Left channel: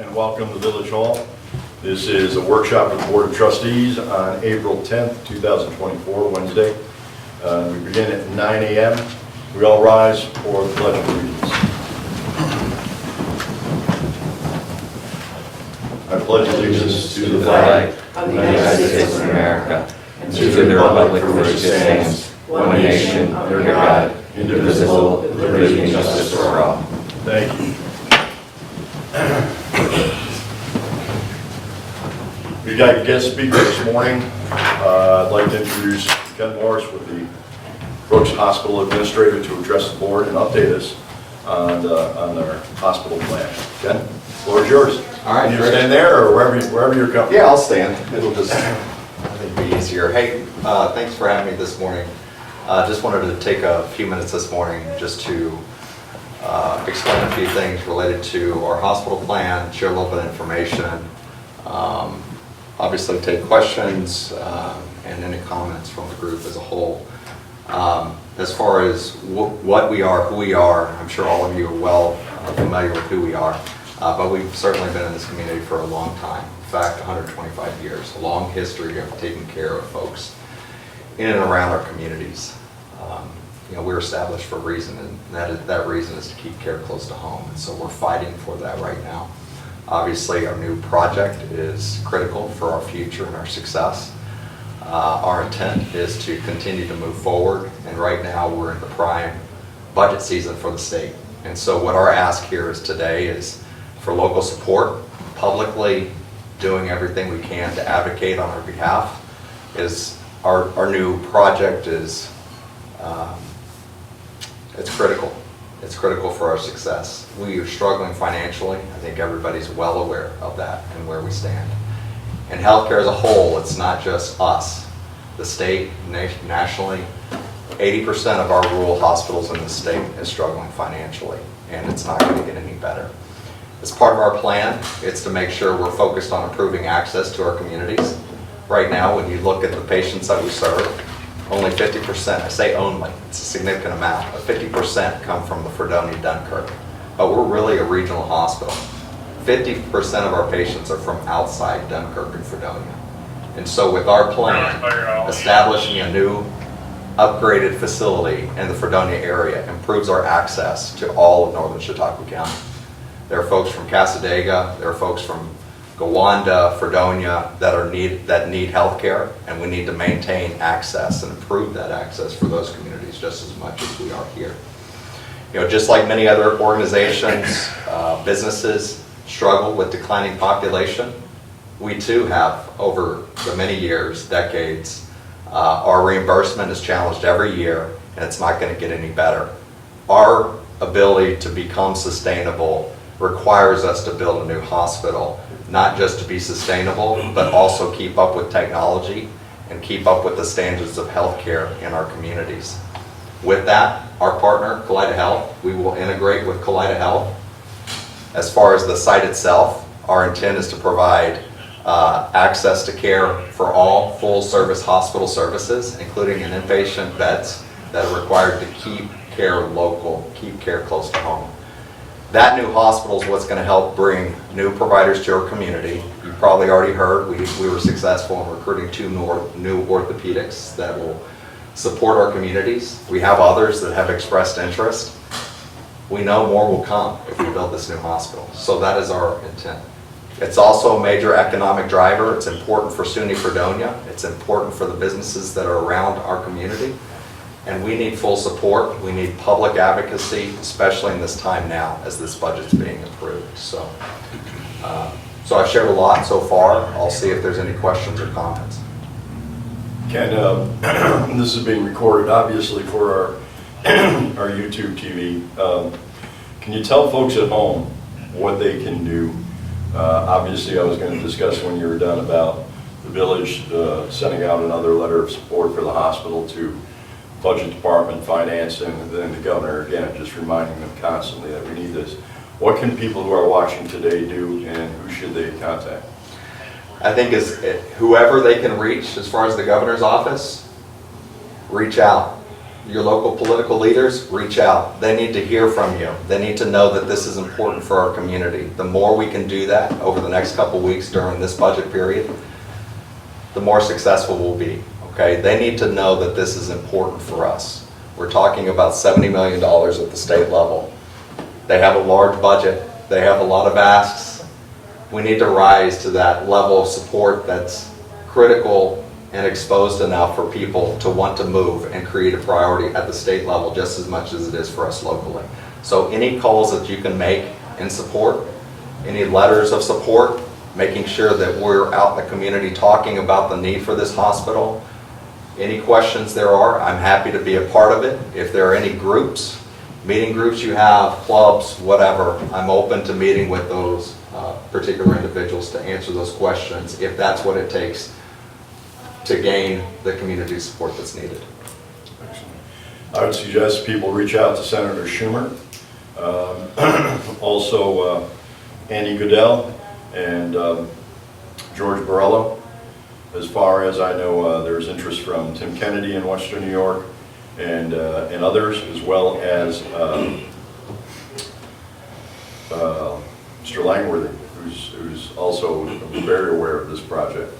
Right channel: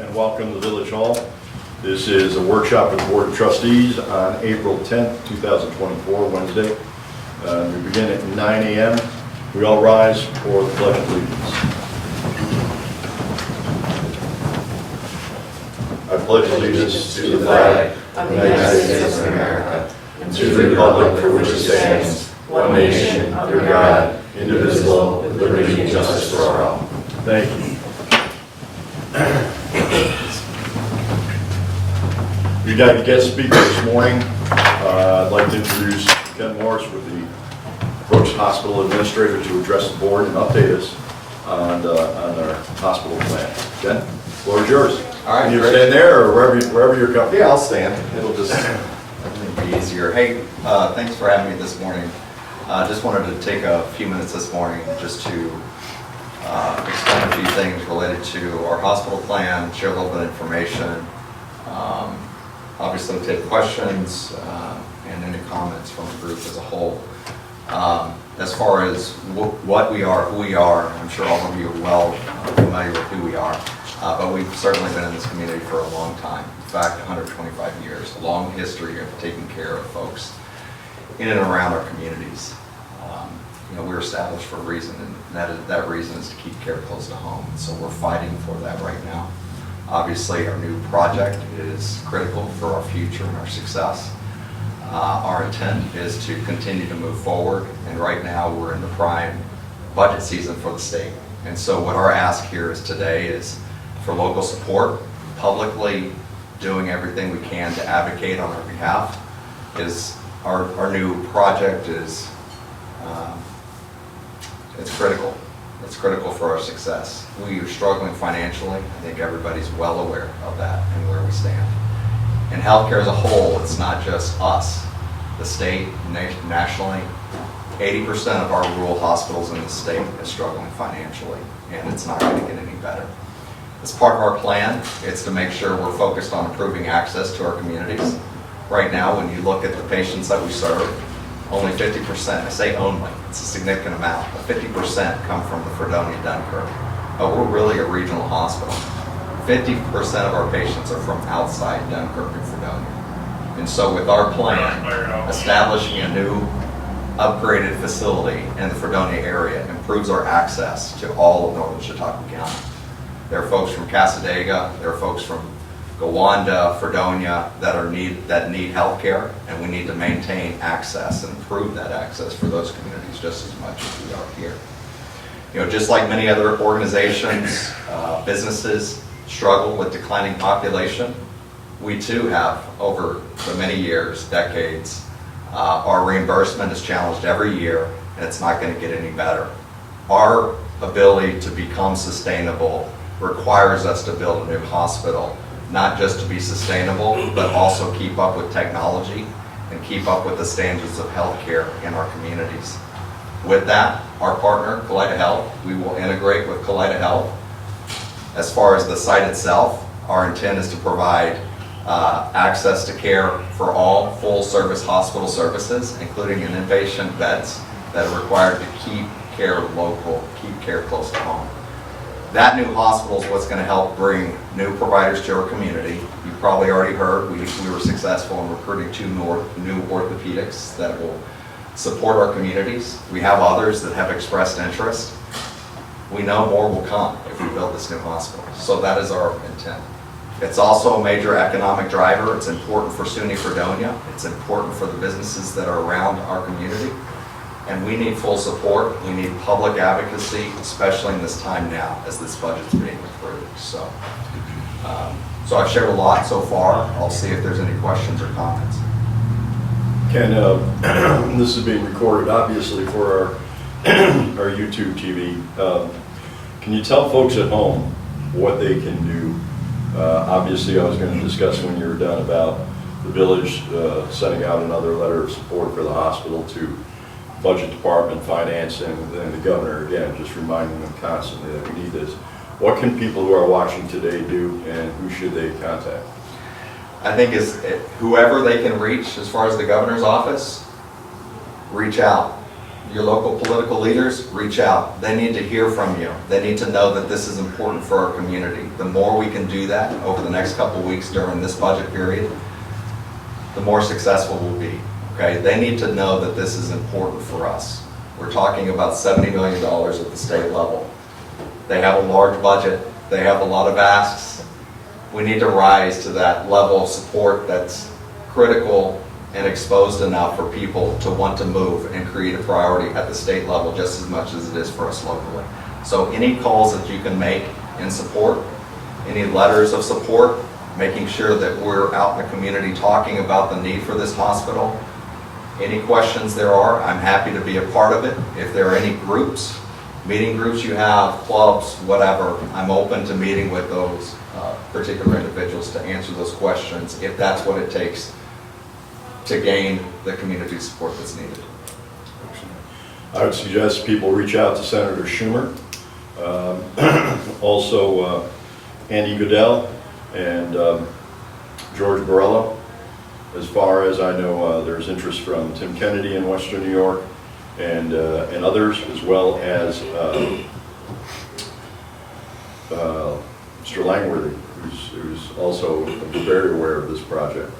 and welcome to Village Hall. This is a workshop of the Board of Trustees on April 10th, 2024, Wednesday. We begin at 9 a.m. We all rise for the Pledge of Allegiance. I pledge allegiance to the flag of the United States of America and to the republic for which it stands, one nation, under God, indivisible, with liberty and justice for all. Thank you. We got a guest speaker this morning. I'd like to introduce Ken Morris with the Brooks Hospital Administrator to address the board and update us on their hospital plan. Ken, the floor is yours. All right. Can you stand there or wherever you're comfortable? Yeah, I'll stand. It'll just be easier. Hey, thanks for having me this morning. Just wanted to take a few minutes this morning just to explain a few things related to our hospital plan, share a little bit of information, obviously take questions and any comments from the group as a whole. As far as what we are, who we are, I'm sure all of you are well familiar with who we are. But we've certainly been in this community for a long time. In fact, 125 years, a long history of taking care of folks in and around our communities. We're established for a reason, and that reason is to keep care close to home. So we're fighting for that right now. Obviously, our new project is critical for our future and our success. Our intent is to continue to move forward, and right now we're in the prime budget season for the state. And so what our ask here is today is for local support, publicly doing everything we can to advocate on our behalf. Is our new project is it's critical. It's critical for our success. We are struggling financially. I think everybody's well aware of that and where we stand. In healthcare as a whole, it's not just us. The state, nationally, 80% of our rural hospitals in the state is struggling financially, and it's not going to get any better. As part of our plan, it's to make sure we're focused on improving access to our communities. Right now, when you look at the patients that we serve, only 50%, I say only, it's a significant amount, but 50% come from the Fredonia, Dunkirk. But we're really a regional hospital. 50% of our patients are from outside Dunkirk and Fredonia. And so with our plan, establishing a new upgraded facility in the Fredonia area improves our access to all of northern Chautauqua County. There are folks from Casadega, there are folks from Gowanda, Fredonia that need health care, and we need to maintain access and improve that access for those communities just as much as we are here. Just like many other organizations, businesses struggle with declining population, we too have, over the many years, decades, our reimbursement is challenged every year, and it's not going to get any better. Our ability to become sustainable requires us to build a new hospital, not just to be sustainable, but also keep up with technology and keep up with the standards of healthcare in our communities. With that, our partner, Kaleida Health, we will integrate with Kaleida Health. As far as the site itself, our intent is to provide access to care for all full-service hospital services, including in inpatient beds that are required to keep care local, keep care close to home. That new hospital is what's going to help bring new providers to our community. You probably already heard we were successful in recruiting 2 new orthopedics that will support our communities. We have others that have expressed interest. We know more will come if we build this new hospital. So that is our intent. It's also a major economic driver. It's important for SUNY Fredonia. It's important for the businesses that are around our community. And we need full support. We need public advocacy, especially in this time now as this budget's being approved. So I've shared a lot so far. I'll see if there's any questions or comments. Ken, this is being recorded obviously for our YouTube TV. Can you tell folks at home what they can do? Obviously, I was going to discuss when you were done about the village sending out another letter of support for the hospital to budget department, finance, and then the governor, again, just reminding them constantly that we need this. What can people who are watching today do, and who should they contact? I think whoever they can reach, as far as the governor's office, reach out. Your local political leaders, reach out. They need to hear from you. They need to know that this is important for our community. The more we can do that over the next couple weeks during this budget period, the more successful we'll be, okay? They need to know that this is important for us. We're talking about $70 million at the state level. They have a large budget. They have a lot of asks. We need to rise to that level of support that's critical and exposed enough for people to want to move and create a priority at the state level just as much as it is for us locally. So any calls that you can make in support, any letters of support, making sure that we're out in the community talking about the need for this hospital. Any questions there are, I'm happy to be a part of it. If there are any groups, meeting groups you have, clubs, whatever, I'm open to meeting with those particular individuals to answer those questions if that's what it takes to gain the community support that's needed. I would suggest people reach out to Senator Schumer, also Andy Goodell and George Borrello. As far as I know, there's interest from Tim Kennedy in Western New York and others, as well as Mr. Langworthy, who's also very aware of this project.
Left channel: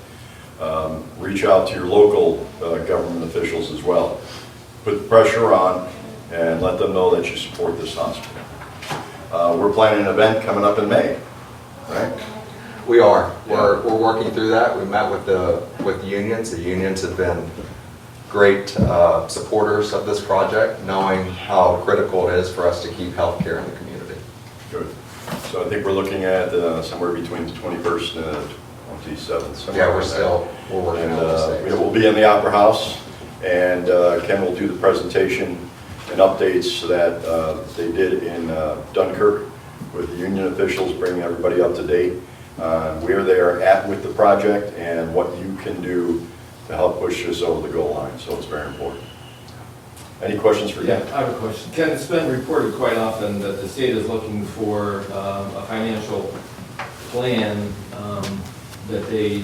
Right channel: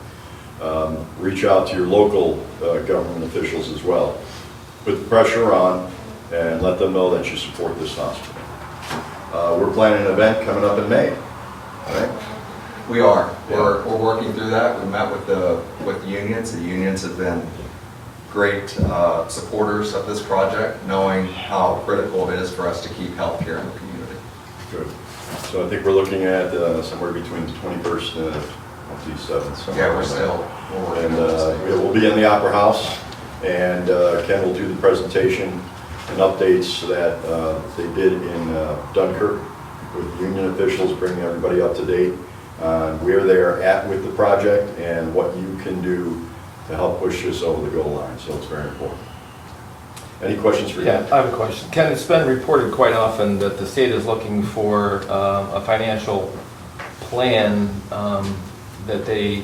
Reach out to your local government officials as well. Put the pressure on and let them know that you support this hospital. We're planning an event coming up in May, right? We are. Yeah. We're working through that. We met with the unions. The unions have been great supporters of this project, knowing how critical it is for us to keep healthcare in the community. Good. So I think we're looking at somewhere between the 21st and the 27th. Yeah, we're working And on those things. we'll be in the Opera House, and Ken will do the presentation and updates that they did in Dunkirk with the union officials, bringing everybody up to date on where they're at with the project and what you can do to help push this over the goal line. So it's very important. Any questions for Yeah, Ken? I have a question. Ken, it's been reported quite often that the state is looking for a financial plan that they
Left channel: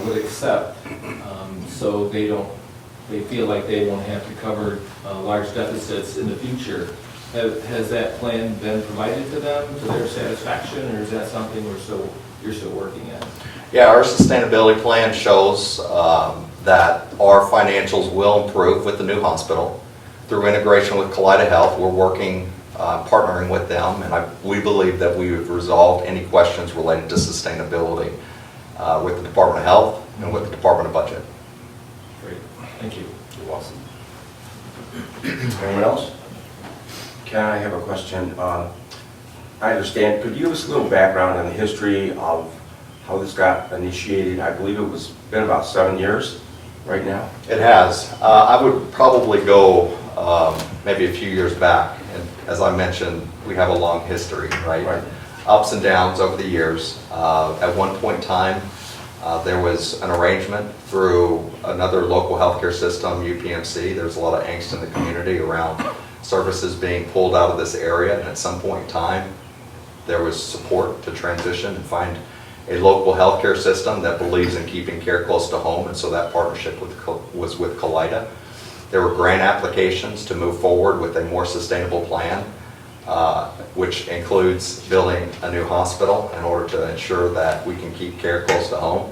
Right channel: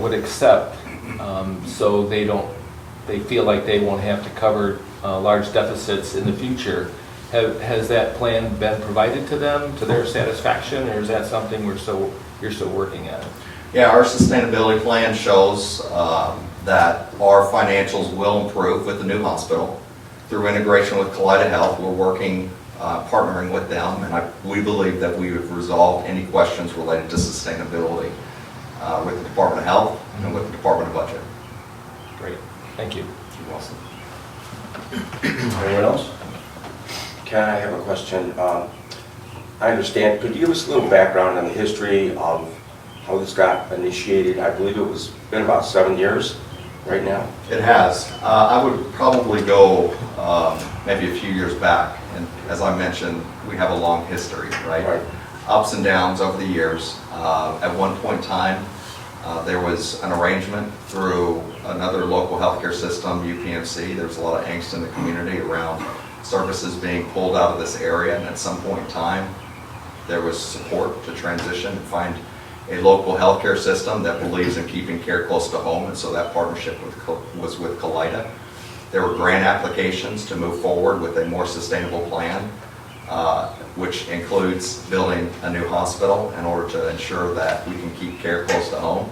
would accept, so they feel like they won't have to cover large deficits in the future. Has that plan been provided to them to their satisfaction, or is that something you're still working at? Yeah, our sustainability plan shows that our financials will improve with the new hospital. Through integration with Kaleida Health, we're working, partnering with them, and we believe that we have resolved any questions related to sustainability with the Department of Health and with the Department of Budget. Great, thank you. You're welcome. Anyone else? Ken, I have a question. I understand, could you give us a little background on the history of how this got initiated? I believe it was been about 7 years right now. It has. I would probably go maybe a few years back. And as I mentioned, we have a long history, right? Right. Ups and downs over the years. At one point in time, there was an arrangement through another local healthcare system, UPMC. There was a lot of angst in the community around services being pulled out of this area. And at some point in time, there was support to transition and find a local healthcare system that believes in keeping care close to home, and so that partnership was with Kaleida. There were grant applications to move forward with a more sustainable plan, which includes building a new hospital in order to ensure that we can keep care close to home.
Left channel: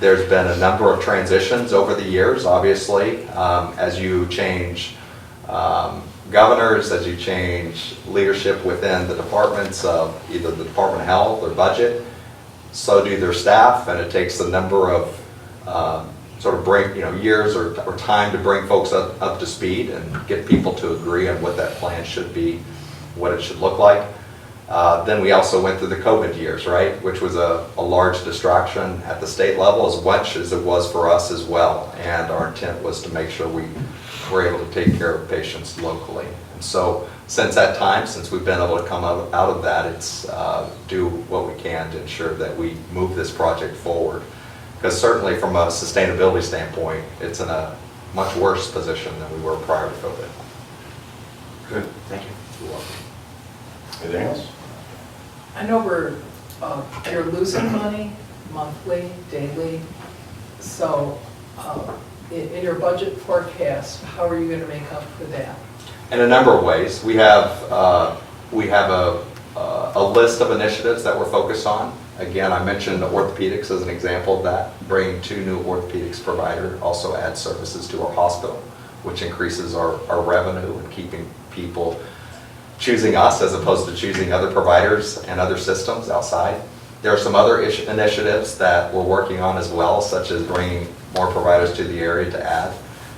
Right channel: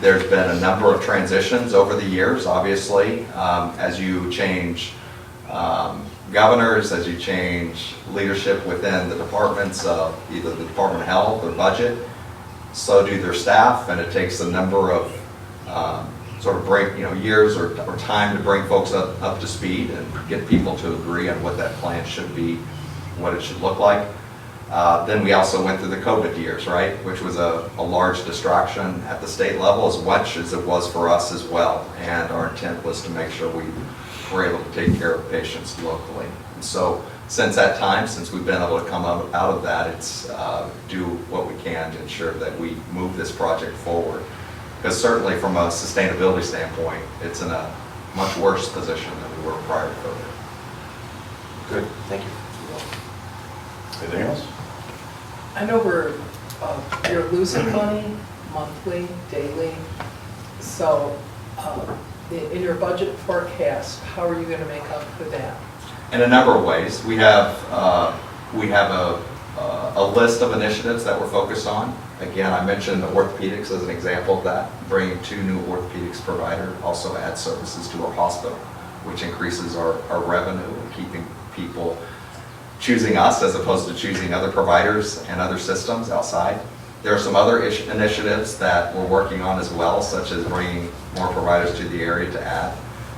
There's been a number of transitions over the years, obviously, as you change governors, as you change leadership within the departments of either the Department of Health or Budget. So do their staff, and it takes a number of years or time to bring folks up to speed and get people to agree on what that plan should be, what it should look like. Then we also went through the COVID years, right, which was a large distraction at the state level as much as it was for us as well. And our intent was to make sure we were able to take care of patients locally. And so since that time, since we've been able to come out of that, it's do what we can to ensure that we move this project forward. Because certainly from a sustainability standpoint, it's in a much worse position than we were prior to COVID. Good, thank you. You're welcome. Anything else? I know you're losing money monthly, daily, so in your budget forecast, how are you going to make up for that? In a number of ways. We have a list of initiatives that we're focused on. Again, I mentioned orthopedics as an example of that. Bringing 2 new orthopedics provider also adds services to our hospital, which increases our revenue and keeping people choosing us as opposed to choosing other providers and other systems outside. There are some other initiatives that we're working on as well, such as bringing more providers to the area to add.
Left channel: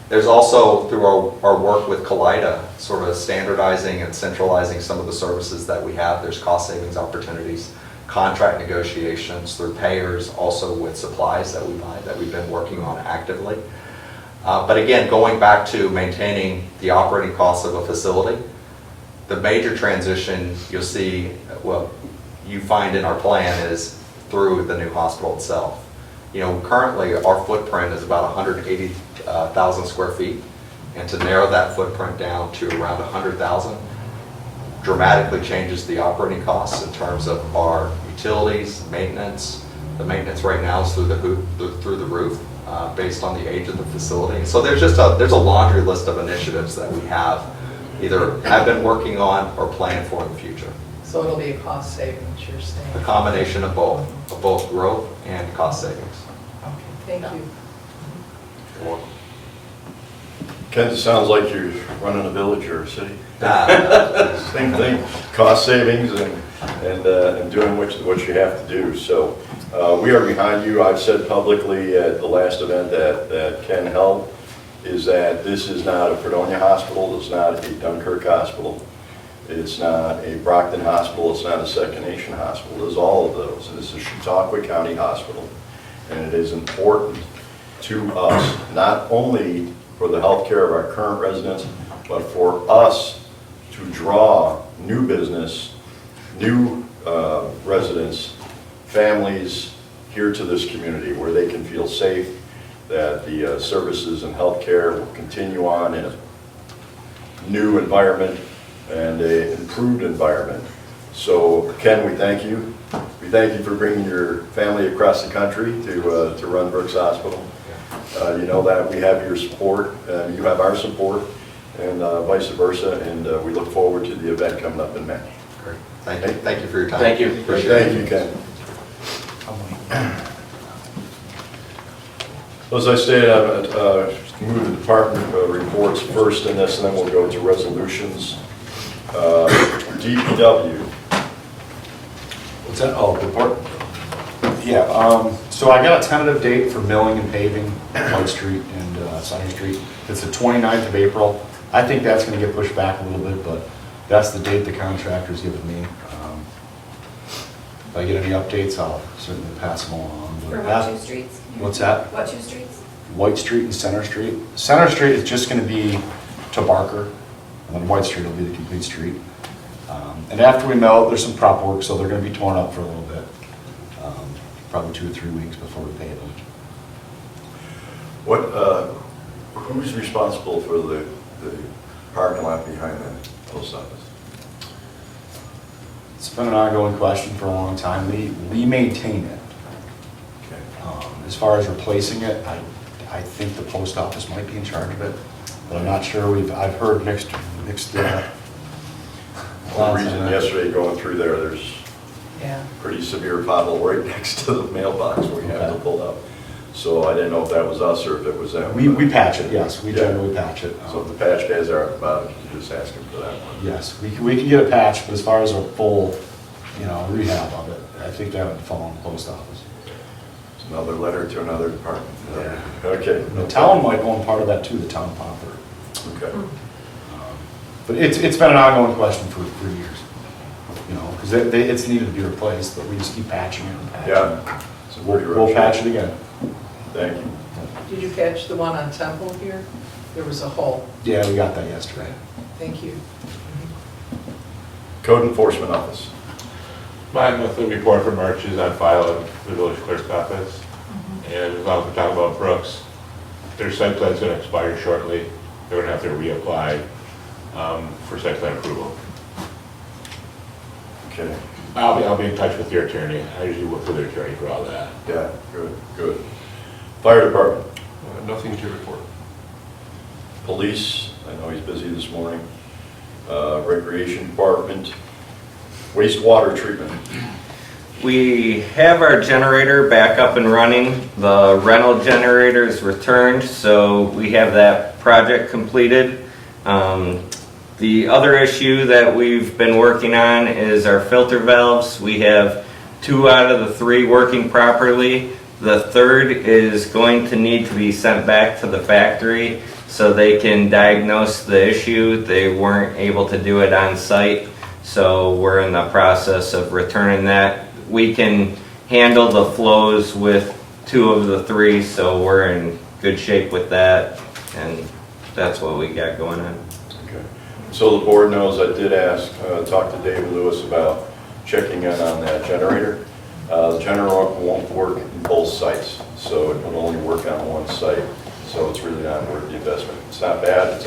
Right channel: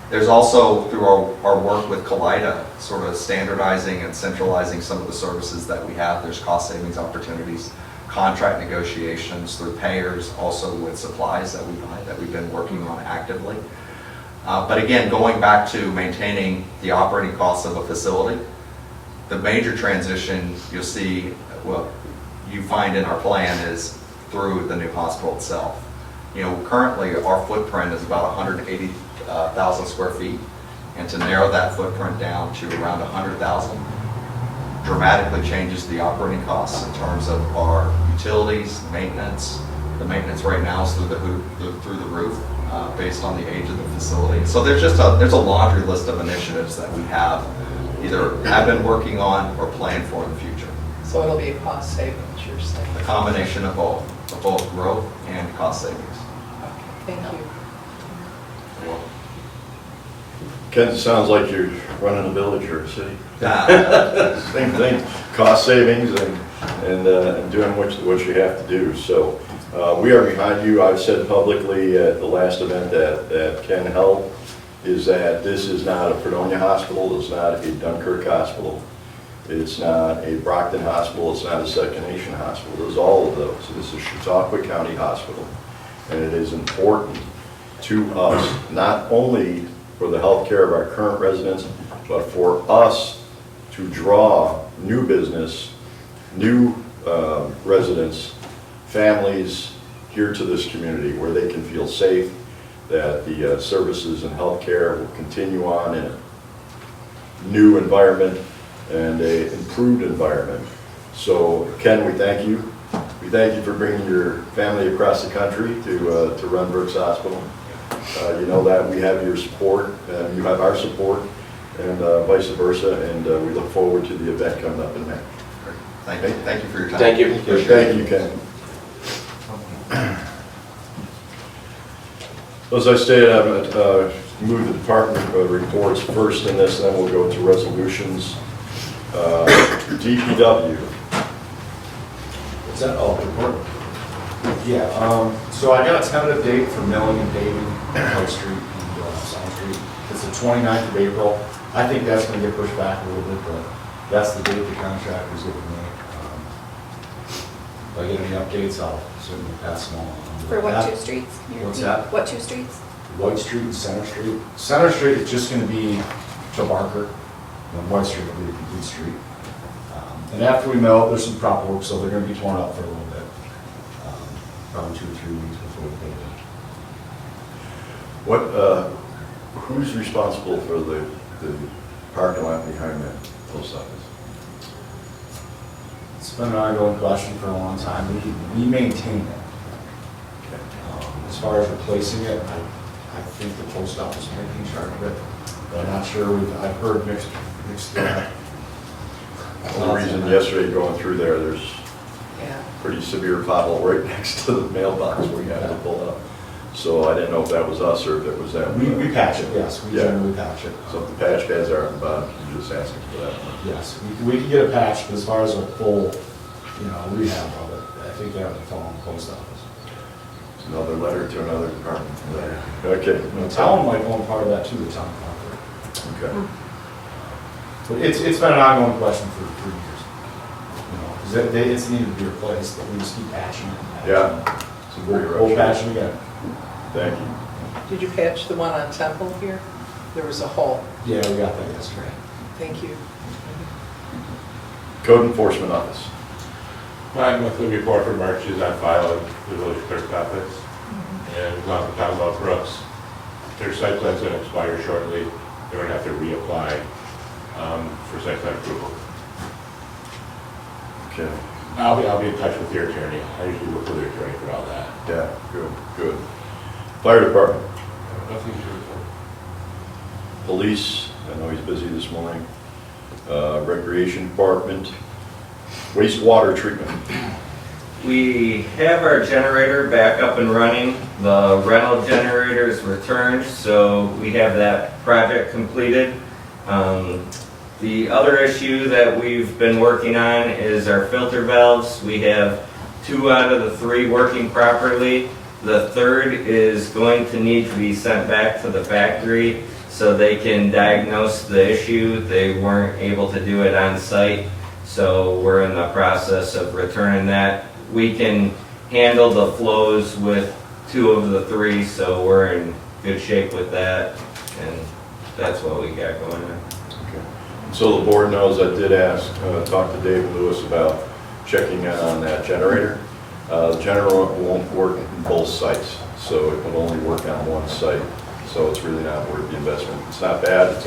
There's also, through our work with Kaleida, sort of standardizing and centralizing some of the services that we have. There's cost savings opportunities, contract negotiations through payers, also with supplies that we buy that we've been working on actively. But again, going back to maintaining the operating costs of a facility, the major transition you'll see, well, you find in our plan is through the new hospital itself. You know, currently our footprint is about 180,000 square feet, and to narrow that footprint down to around 100,000 dramatically changes the operating costs in terms of our utilities, maintenance. The maintenance right now is through the roof, based on the age of the facility. So there's a laundry list of initiatives that we have been working on or plan for in the future. So it'll be a cost savings, you're saying? A combination of both growth and cost savings. Okay, thank you. You're welcome. Ken, it sounds like you're running a village or a city. Ah, Same thing, cost savings and doing what you have to do. So we are behind you. I've said publicly at the last event that Ken held is that this is not a Fredonia hospital, it's not a Dunkirk hospital, it's not a Brockton hospital, it's not a Second Nation hospital. It's all of those. This is Chautauqua County Hospital, and it is important to us, not only for the health care of our current residents, but for us to draw new business, new residents, families here to this community where they can feel safe, that the services and health care will continue on in a new environment and an improved environment. So Ken, we thank you. We thank you for bringing your family across the country to run Brooks Hospital. You know that we have your support, you have our support, and vice versa, and we look forward to the event coming up in May. great. Thank you for your time. Thank you. Thank you, Ken. As I stated, I'm going to move the department reports first in this, and then we'll go to resolutions. DPW. What's that? Oh, report? Yeah, so I got a tentative date for milling and paving White Street and Science Street. It's the 29th of April. I think that's gonna get pushed back a little bit, but that's the date the contractor's given me. If I get any updates, I'll certainly pass them on. For what 2 streets? Can you What's repeat? that? What 2 streets? White Street and Center Street. Center Street is just gonna be to Barker, and then White Street will be the complete street. And after we mill it, there's some prop work, so they're gonna be torn up for a little bit. Probably 2 or 3 weeks before we pave it. Who's responsible for the parking lot behind that post office? It's been an ongoing question for a long time. We maintain it. Okay. As far as replacing it, I think the post office might be in charge of it, but I'm not sure. I've heard mixed. The reason yesterday going through there's Yeah. pretty severe pothole right next to the mailbox where you have to pull up. So I didn't know if that was us or if it was them. We patch it, yes. We Yeah. generally patch it. So if the patch guys are at the bottom, you just ask them for that one. Yes, we can get a patch, but as far as a full, rehab of it, I think that would fall on the post office. It's another letter to another department. Okay. The town might own part of that too, the town property. Okay. But it's been an ongoing question for years, because it's needed to be replaced, but we just keep patching it and patching it. Yeah. So we'll patch it again. Thank you. Did you patch the one on Temple here? There was a hole. Yeah, we got that yesterday. Thank you. Code Enforcement Office. My monthly report for March is on file at the village clerk's office. And as long as we're talking about Brooks, their site plan's gonna expire shortly. They're gonna have to reapply for site plan approval. Okay. I'll be in touch with your attorney. I usually work with their attorney for all that. Yeah, good. Fire Department. Nothing to report. Police, I know he's busy this morning. Recreation Department, wastewater treatment. We have our generator back up and running. The rental generator is returned, so we have that project completed. The other issue that we've been working on is our filter valves. We have 2 out of the 3 working properly. The third is going to need to be sent back to the factory so they can diagnose the issue. They weren't able to do it on site, so we're in the process of returning that. We can handle the flows with 2 of the 3, so we're in good shape with that, and that's what we got going on. Okay. So the board knows I did talk to David Lewis about checking in on that generator. The generator won't work in both sites, so it will only work on one site. So it's really not worth the investment. It's not bad.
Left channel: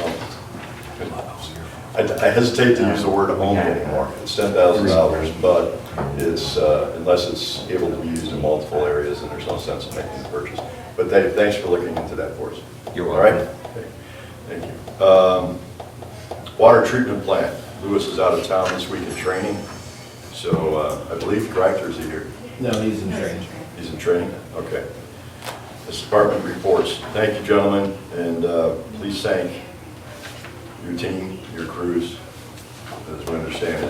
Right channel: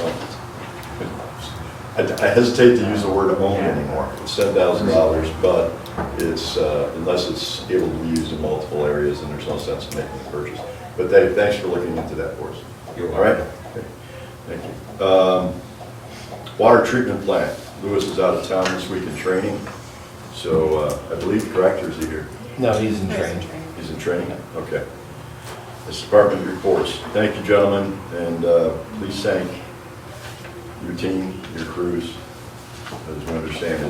I hesitate to use the word only anymore. It's $10,000, but it's unless it's able to be used in multiple areas, and there's no sense in making the purchase. But Dave, thanks for looking into that for us. You're All right. Okay. Thank you. Water treatment plant. Lewis is out of town this week in training, so I believe, correct, or is he here? No, he's in training. He's in training? Okay. This department reports. Thank you, gentlemen, and please thank your team, your crews. As we understand,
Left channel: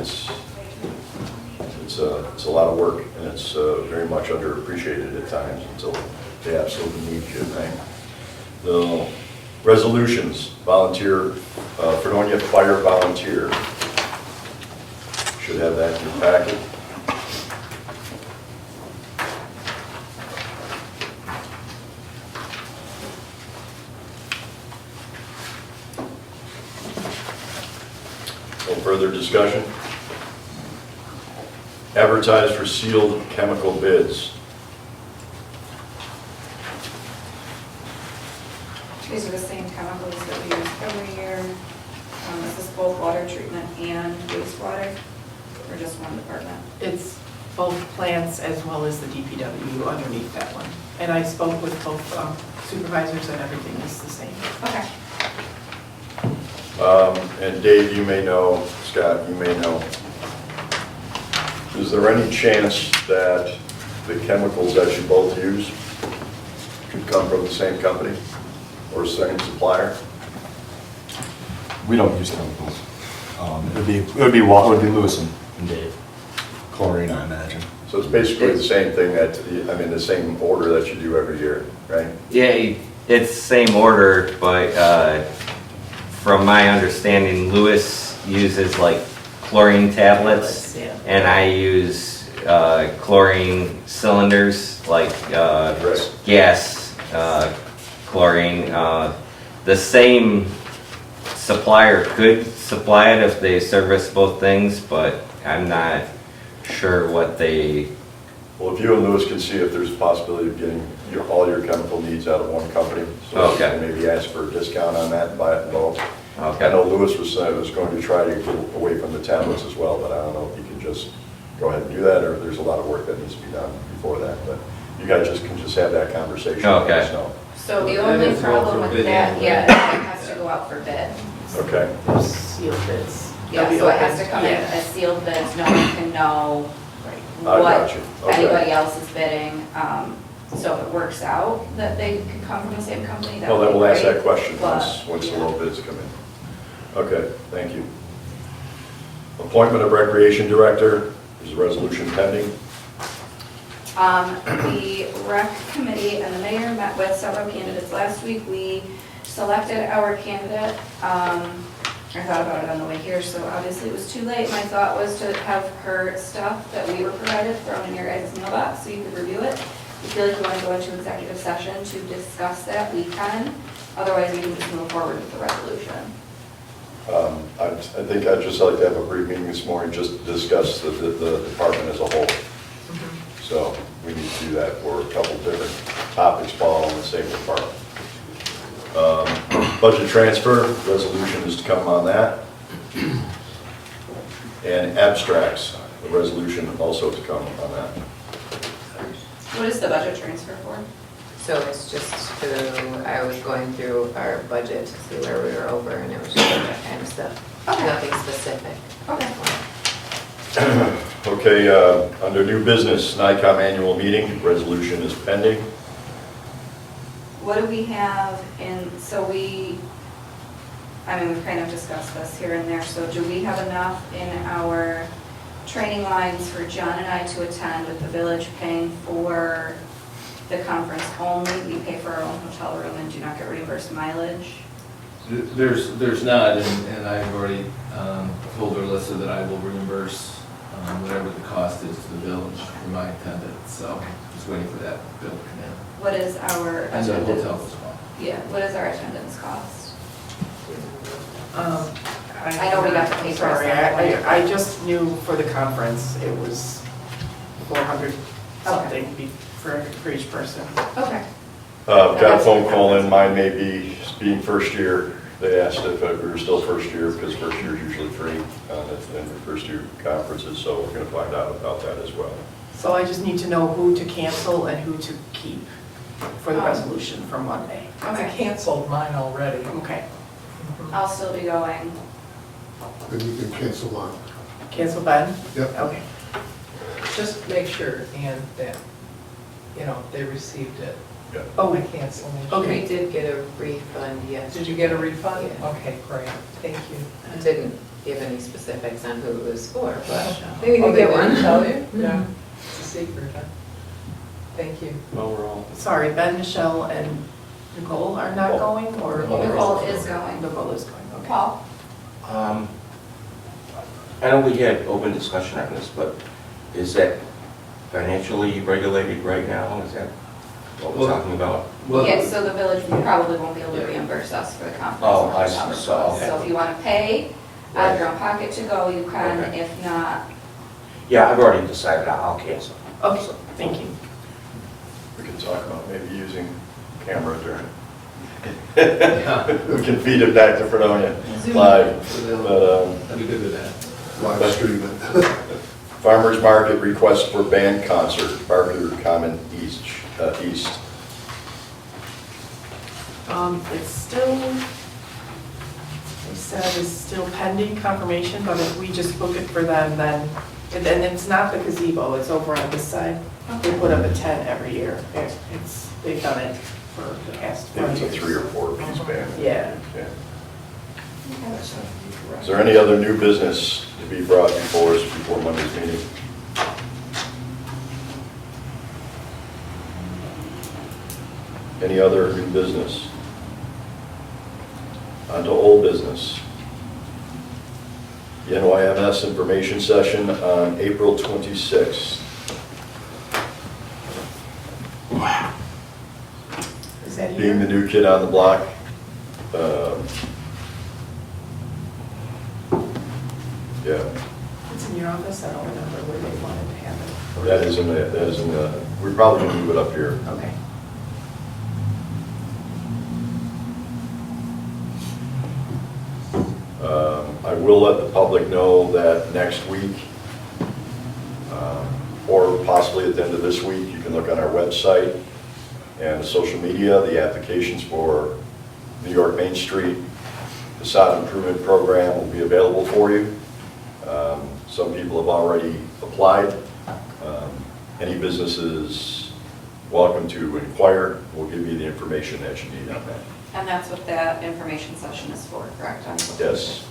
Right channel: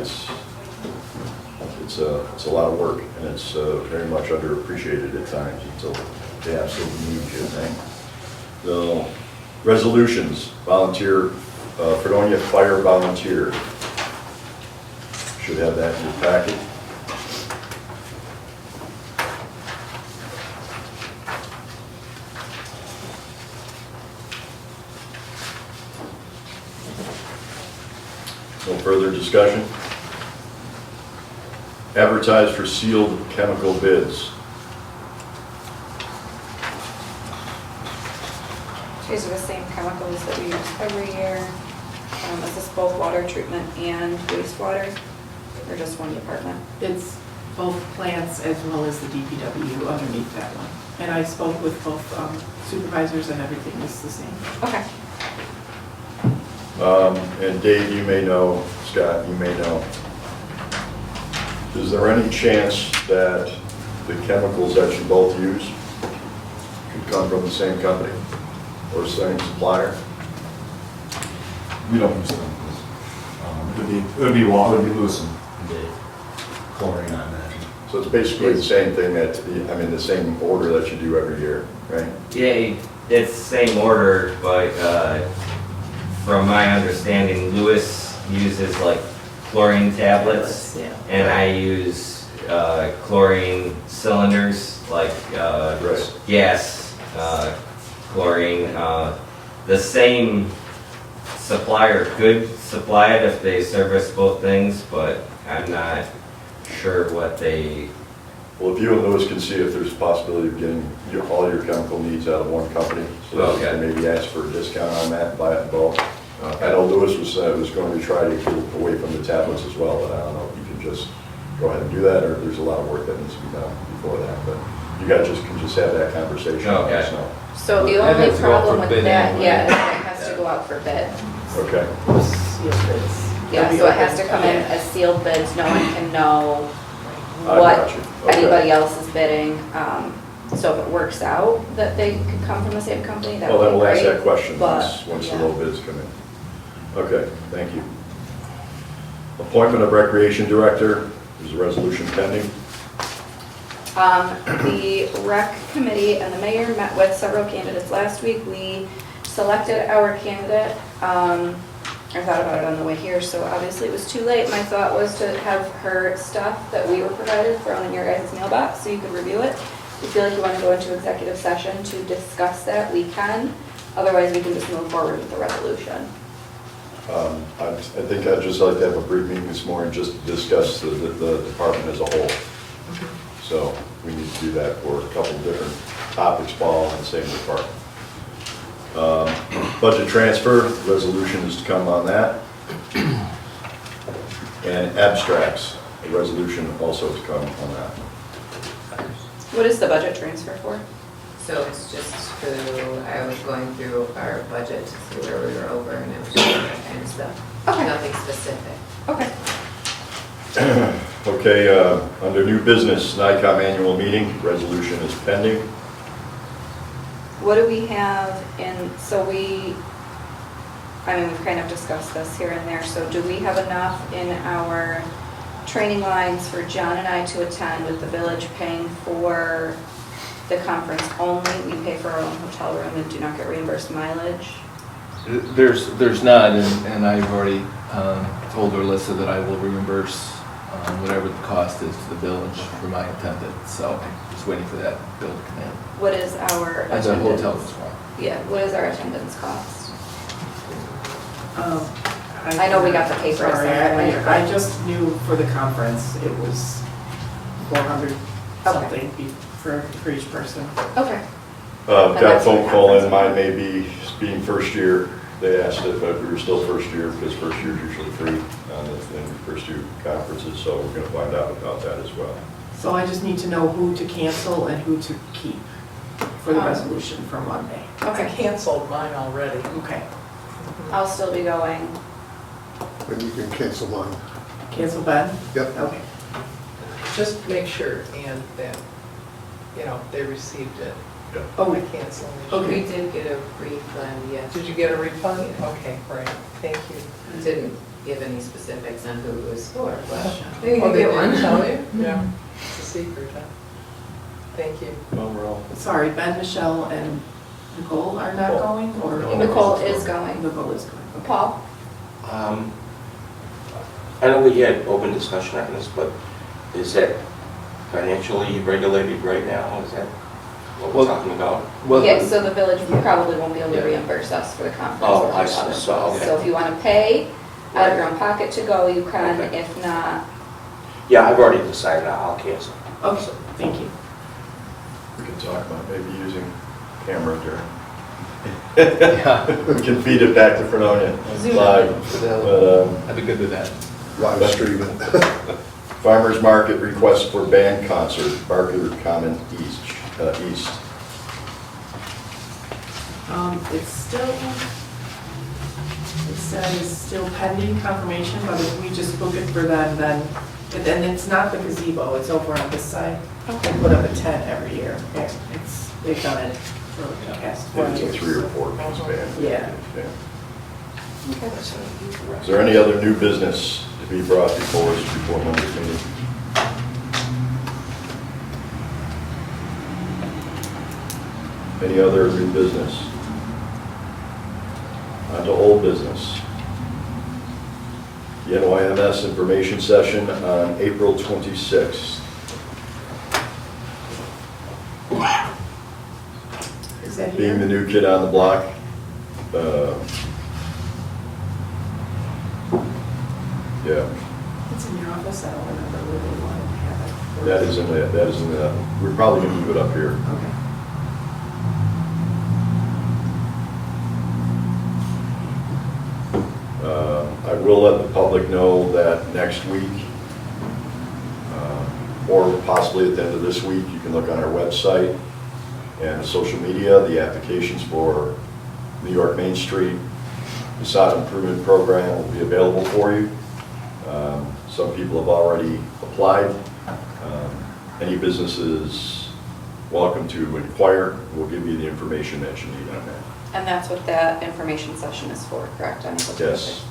it's a lot of work, and it's very much underappreciated at times until they absolutely need you, right? The resolutions, volunteer, Fredonia Fire Volunteer. Should have that in your packet. No further discussion? Advertise for sealed chemical bids. These are the same chemicals that we use every year. Is this both water treatment and wastewater, or just one department? It's both plants as well as the DPW underneath that one. And I spoke with both supervisors and everything is the same. Okay. And Dave, you may know, Scott, you may know, is there any chance that the chemicals that you both use could come from the same company or same supplier? We don't use chemicals. It would be Lewis and Dave. Chlorine, I imagine. So it's basically the same thing the same order that you do every year, right? Yeah, it's the same order, but from my understanding, Lewis uses like chlorine tablets, Yeah. and I use chlorine cylinders, like Right. gas chlorine. The same supplier could supply it if they service both things, but I'm not sure what they. Well, if you and Lewis can see if there's a possibility of getting all your chemical needs out of one company, so you Okay. can maybe ask for a discount on that and buy it in bulk. I Okay. know Lewis was going to try to get away from the tablets as well, but I don't know if you can just go ahead and do that, or if there's a lot of work that needs to be done before that. But you guys can just have that conversation. and let us know. So the That only has to go out problem for with bid that, anyway. yeah, is that it has to go out for bid. Okay, Those sealed bids. Yeah, They'll be so it has open. to come in a sealed bids, no one can know I what got you. Okay. anybody else is bidding. So if it works out that they could come from the same company, that well, would then be we'll ask great. that question but, once the yeah. low bids come in. Okay, thank you. Appointment of Recreation Director, there's a resolution pending. The rec committee and the mayor met with several candidates last week. We selected our candidate. I thought about it on the way here, so obviously it was too late. My thought was to have her stuff that we were provided thrown in your guys' mailbox so you could review it. If you feel like you want to go into executive session to discuss that, we can. Otherwise, we can just move forward with the resolution. I think I'd just like to have a brief meeting this morning, just to discuss the department as a whole. So we need to do that for a couple different topics, all in the same department. Budget transfer, resolution is to come on that. And abstracts, a resolution also to come on that. What is the budget transfer for? So it's just I was going through our budget to see where we were over, and it was just that kind of stuff. Okay. Nothing specific. Okay. Okay, under new business, NICOM annual meeting, resolution is pending. What do we have in, I mean, we've kind of discussed this here and there, so do we have enough in our training lines for John and I to attend with the village paying for the conference only? We pay for our own hotel room and do not get reimbursed mileage? There's not, and I've already told Alyssa that I will reimburse whatever the cost is to the village for my attendance, so just waiting for that bill to come in. What is our And the attendance? hotel as well. Yeah, what is our attendance cost? I I know we got the paper Sorry, separately. I just knew for the conference, it was 400 something for each person. Okay. Got a phone call in, mine may be, being first year, they asked if we were still first year, because first year is usually free, that's in the first year conferences, so we're gonna find out about that as well. So I just need to know who to cancel and who to keep for the Um, resolution for Monday. I canceled mine already. Okay, I'll still be going. Then you can cancel one. cancel Ben? Yep. Okay. Just make sure, and that, they received it. Oh, I canceled it. Okay. We did get a refund, yes. Did you get a refund? Yeah. Okay, great, thank you. Didn't give any specifics on who it was for, but maybe Oh, they get didn't one. tell you? Yeah, it's a secret, huh? Thank you. Well, we're all. sorry, Ben, Michelle, and Nicole are not going, or? Nicole is going. Nicole is going, okay. Paul? I know we had open discussion on this, but is that financially regulated right now? Is that what we're Well- talking about? Yeah, so the village probably won't be able to reimburse us for the conference. Oh, or I hotel see. room. Okay. So if you want to pay out of your own pocket to go, you can. Okay. If not, Yeah, I've already decided I'll cancel. Okay, thank you. We can talk about maybe using camera during. Yeah. We can feed it back to Fredonia Zoom. live, but, I'd be good with that. Live stream it. Farmers Market request for band concert, Barker Common East. It's still, they said it's still pending confirmation, but if we just book it for them, then, and then it's not the gazebo, it's over on this side. They put up a tent every year. They've done it for the past I 20 think years. it's a 3 or 4 piece band. Yeah. Is there any other new business to be brought before us before Monday's meeting? Any other new business? On to old business. The NYMS information session on April 26th. Is that Being the here? new kid on the block, yeah, It's in your office, I don't remember where they wanted to have it. that is in the, we're probably gonna move it up here. Okay. I will let the public know that next week, or possibly at the end of this week, you can look on our website and social media, the applications for New York Main Street facade improvement program will be available for you. Some people have already applied. Any businesses welcome to inquire. We'll give you the information that you need on that. and that's what that information session is for, correct? On April 26th? Yes.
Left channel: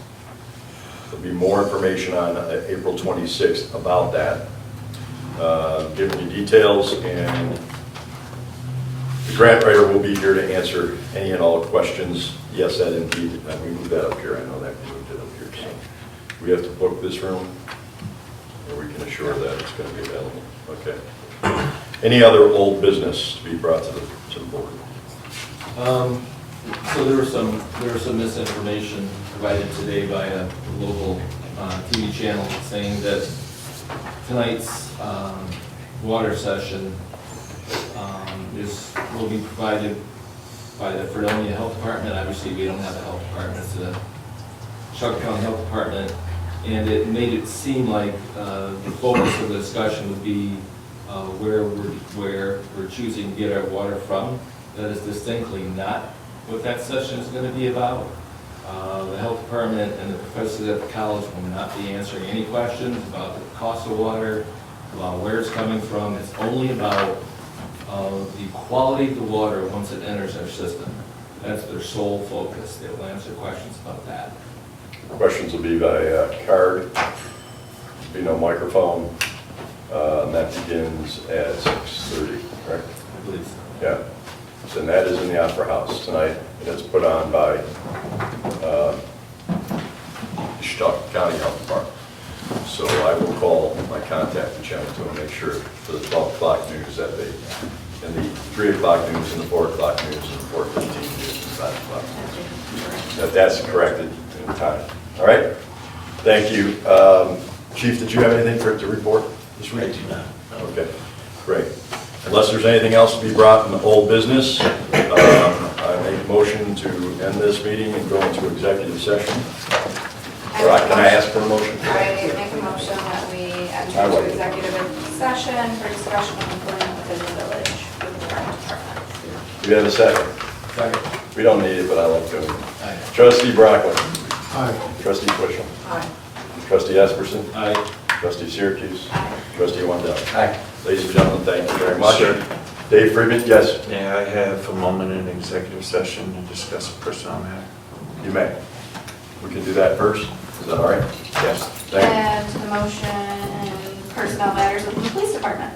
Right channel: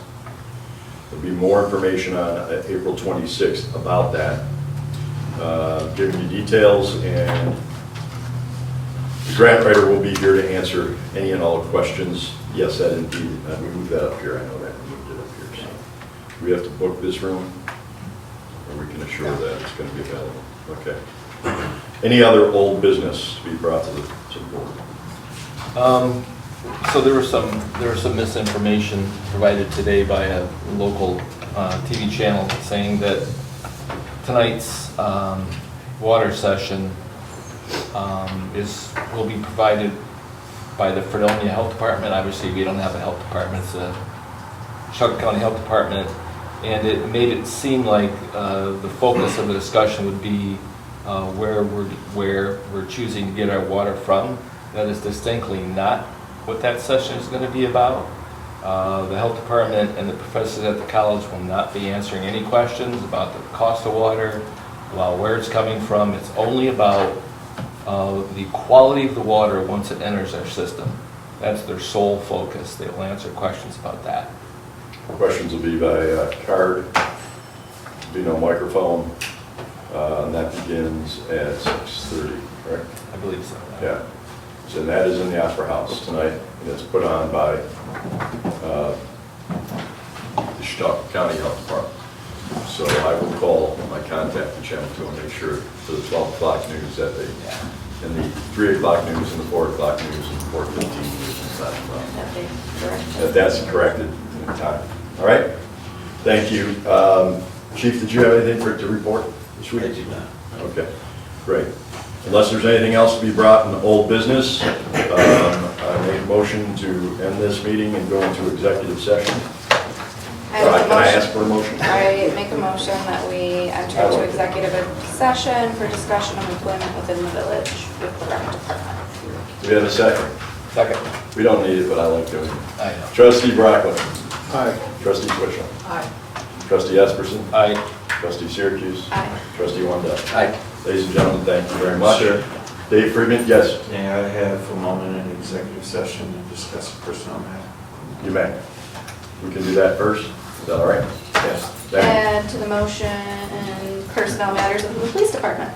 There'll be more information on April 26th about that, giving you details, and the grant writer will be here to answer any and all questions. Yes, that indeed, we moved that up here, I know that, we moved it up here. So we have to book this room, or we can assure that it's going to be available. Okay. Any other old business to be brought to the board? So there was some misinformation provided today by a local TV channel saying that tonight's water session will be provided by the Fredonia Health Department. Obviously, we don't have a health department, it's a Chuck County Health Department, and it made it seem like the focus of the discussion would be where we're choosing to get our water from. That is distinctly not what that session is going to be about. The health department and the professors at the college will not be answering any questions about the cost of water, about where it's coming from. It's only about the quality of the water once it enters our system. That's their sole focus. They will answer questions about that. Questions will be by card, be no microphone, and that begins at 6:30, correct? I believe so. Yeah. So that is in the Opera House tonight, and it's put on by the Chautauqua County Health Department. So I will call my contact and Channel 2 and make sure for the 12 o'clock news that they, and the 3 o'clock news and the 4 o'clock news and the 4:15 news and 5 o'clock. That that's corrected in time. All right? Thank you. Chief, did you have anything to report this week? I do not. Okay, great. Unless there's anything else to be brought in the old business, I make a motion to end this meeting and go into executive session. Can I ask for a motion? I make a motion that we enter into executive session for discussion of employment within the village with the rec department. Do we have a second? Second. We don't need it, but I like doing it. Aye. Trustee Brockman. Aye. Trustee Twitchell. Aye. Trustee Esperson. Aye. Trustee Syracuse. Aye. Trustee Wendell. Aye. Ladies and gentlemen, thank you very much. Dave Friedman, yes, May I have a moment in executive session to discuss a personnel matter? you may. We can do that first. Is that all right? Yes. Thank you. And to the motion and personnel matters of the police department.